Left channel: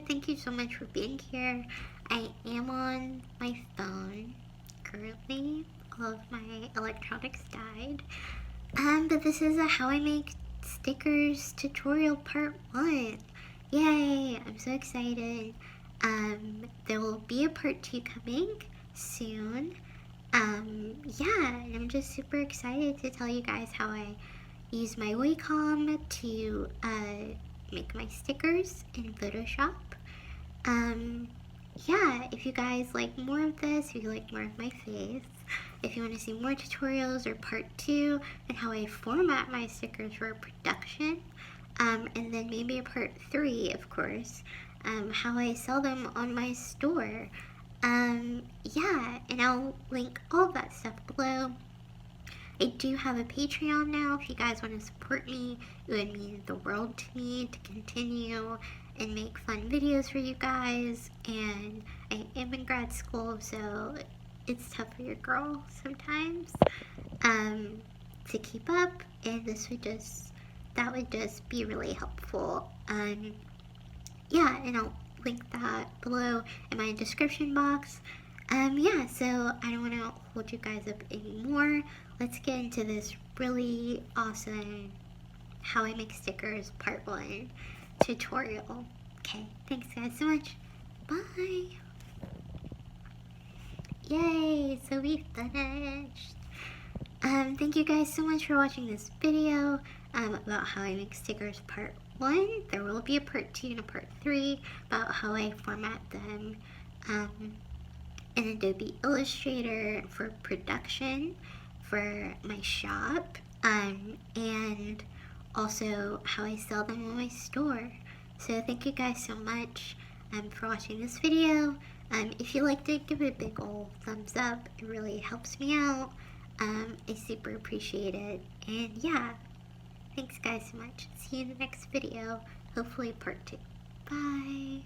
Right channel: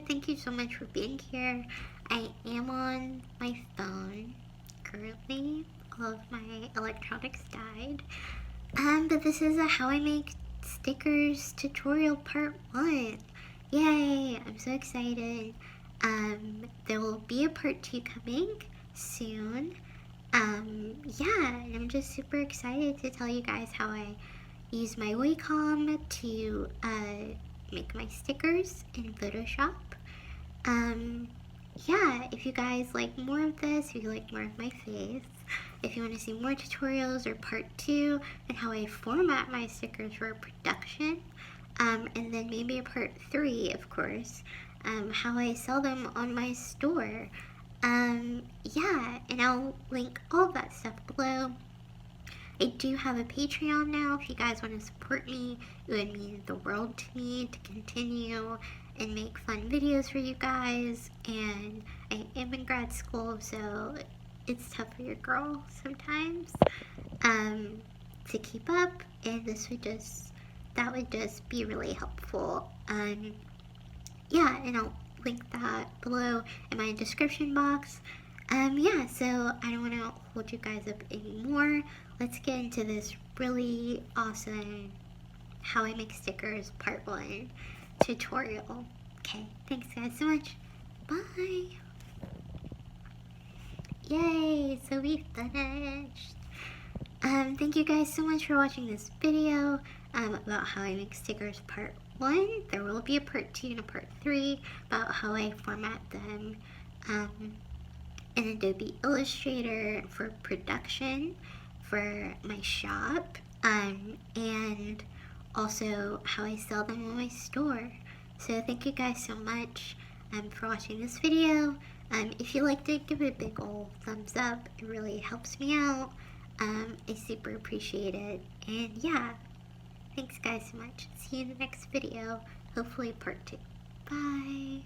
good. Thank you so much for being here. I am on my phone currently. All of my electronics died. But this is a how I make stickers tutorial part 1. Yay! I'm so excited. There will be a part 2 coming soon. Yeah, and I'm just super excited to tell you guys how I use my Wacom to make my stickers in Photoshop. Yeah, if you guys like more of this, if you like more of my face, if you want to see more tutorials or part 2 and how I format my stickers for production, and then maybe a part 3, of course, how I sell them on my store. Yeah, and I'll link all that stuff below. I do have a Patreon now. If you guys want to support me, it would mean the world to me to continue and make fun videos for you guys. And I am in grad school, so it's tough for your girl sometimes to keep up. And that would just be really helpful. Yeah, and I'll link that below in my description box. Yeah, so I don't want to hold you guys up anymore. Let's get into this really awesome how I make stickers part 1 tutorial. Okay, thanks guys so much. Bye. Yay, so we finished. Thank you guys so much for watching this video about how I make stickers part 1. There will be a part 2 and a part 3 about how I format them in Adobe Illustrator for production for my shop, and also how I sell them on my store. So thank you guys so much for watching this video. If you liked it, give it a big ol' thumbs up. It really helps me out. I super appreciate it. And yeah, thanks guys so much. See you in the next video. Hopefully part 2. Bye.